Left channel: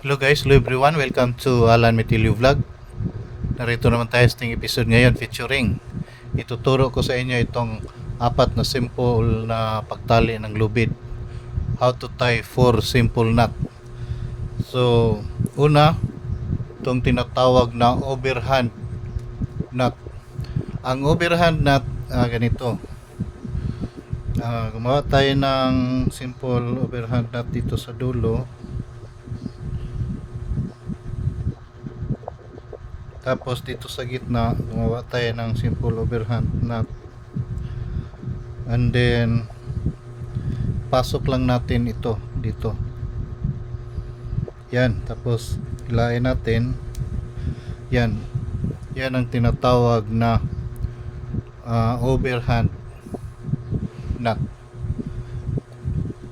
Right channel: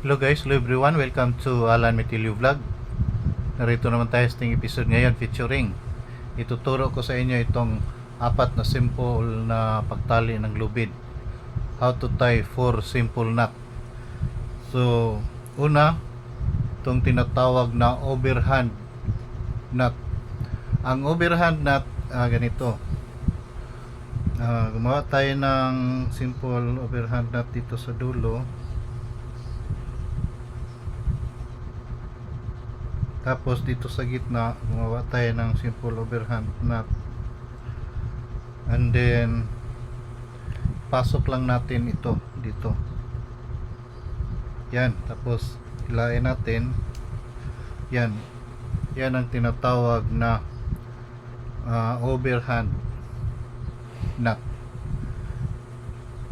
Hello guys, hello everyone. Welcome to Alan Metilio Vlog. Narito naman tayo sa ating episode ngayon featuring. Ituturo ko sa inyo itong apat na simple na pagtali ng lubid. How to tie 4 simple knot. So, una, itong tinatawag na overhand knot. Ang overhand knot, ganito. Gumawa tayo ng simple overhand knot dito sa dulo. Tapos dito sa gitna, gumawa tayo ng simple overhand knot. And then pasok lang natin ito dito. Yan, tapos hilain natin. Yan. Yan ang tinatawag na overhand knot.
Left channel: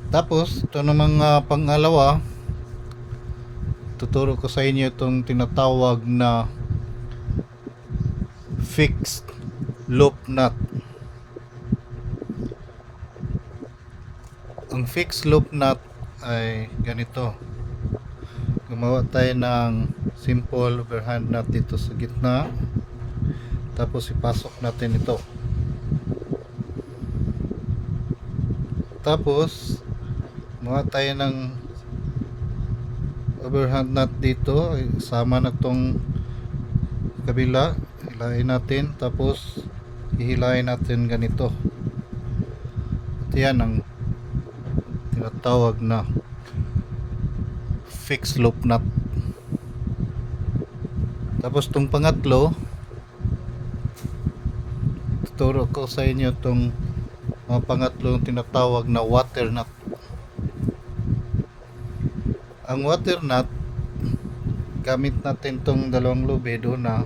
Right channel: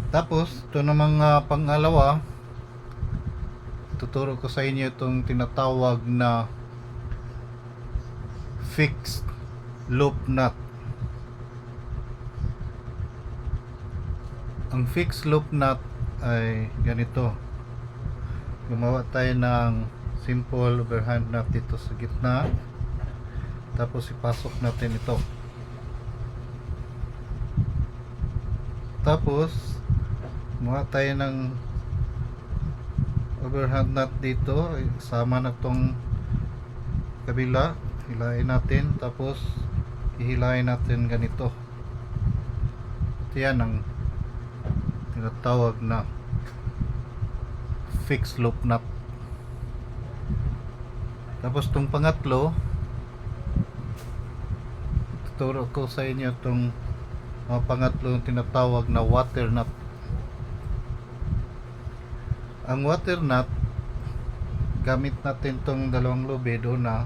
Tapos ito namang pangalawa, tuturo ko sa inyo itong tinatawag na fixed loop knot. Ang fixed loop knot ay ganito. Gumawa tayo ng simple overhand knot dito sa gitna. Tapos ipasok natin ito. Tapos gumawa tayo ng overhand knot dito. Sama na itong kabila. Hilain natin, tapos ihilain natin ganito. At yan ang tinatawag na fixed loop knot. Tapos itong pangatlo, tuturo ko sa inyo itong pangatlong tinatawag na water knot. Ang water knot, gamit natin itong dalawang lubid. Una,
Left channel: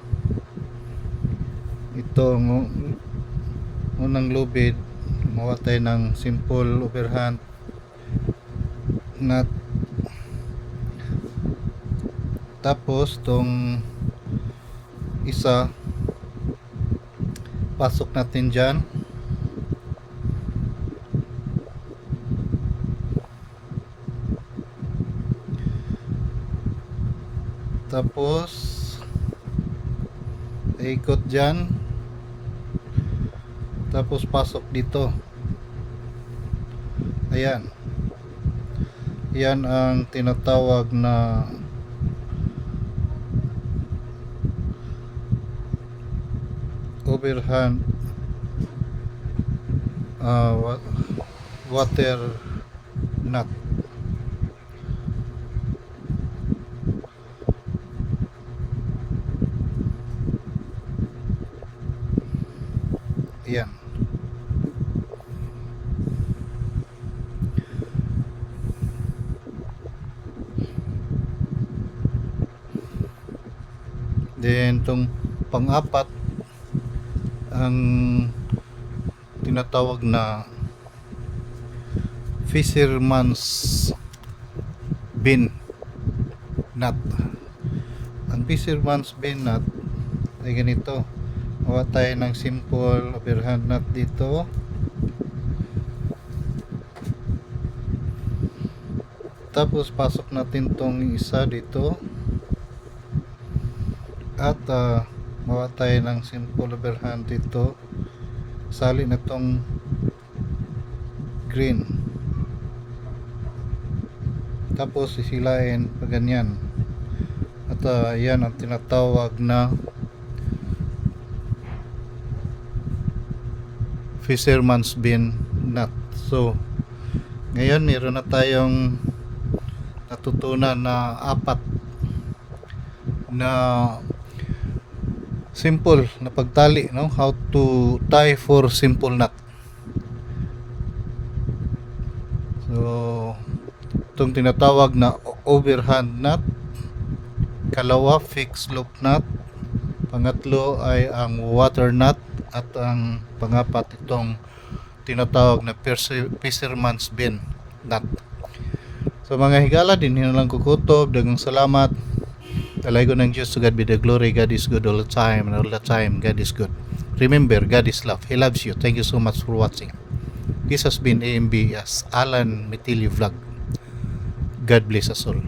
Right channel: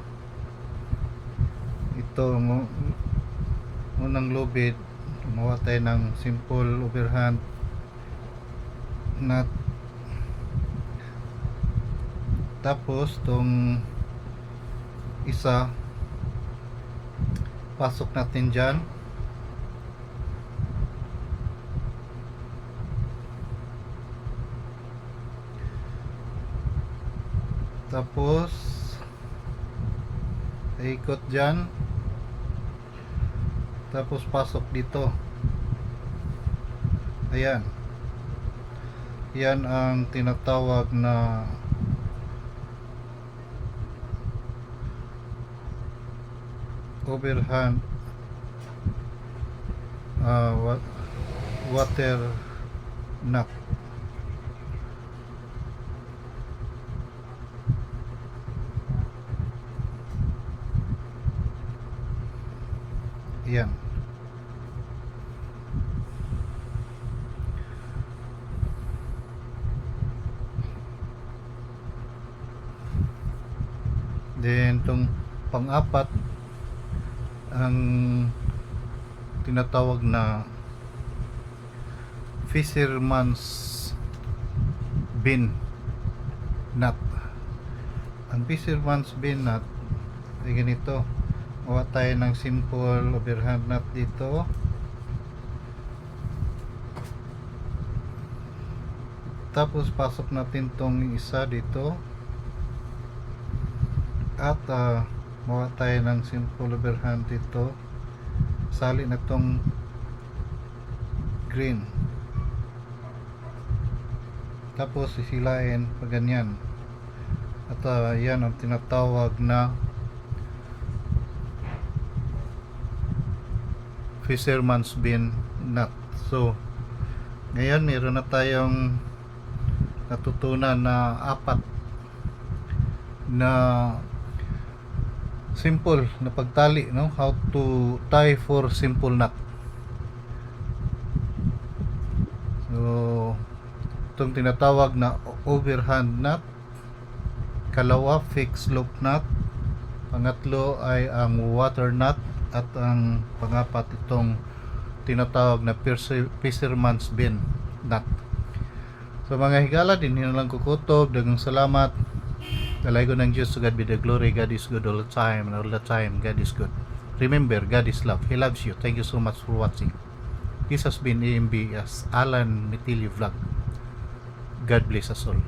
itong unang lubid, gumawa tayo ng simple overhand knot. Tapos itong isa, pasok natin dyan. Tapos ikot dyan. Tapos pasok dito. Ayan. Yan ang tinatawag na overhand water knot. Yan. Then itong pang-apat, ang tinatawag na fisherman's bin knot. Ang fisherman's bin knot ay ganito. Gawa tayo ng simple overhand knot dito. Tapos pasok natin tong isa dito. At gawa tayo ng simple overhand dito. Sali na tong green. Tapos sisilain pa ganyan. At yan ang tinatawag na fisherman's bin knot. So ngayon meron na tayong natutunan na apat na simple na pagtali, no? How to tie 4 simple knot. So itong tinatawag na overhand knot, kalawa fixed loop knot, pangatlo ay ang water knot, at ang pangapat itong tinatawag na fisherman's bin knot. So mga higala, din lang kukutob. Dagang salamat. Dalay ko ng Diyos. To God be the glory. God is good all the time, and all the time God is good. Remember, God is love. He loves you. Thank you so much for watching. This has been AMB as Alan Metilio Vlog. God bless us all.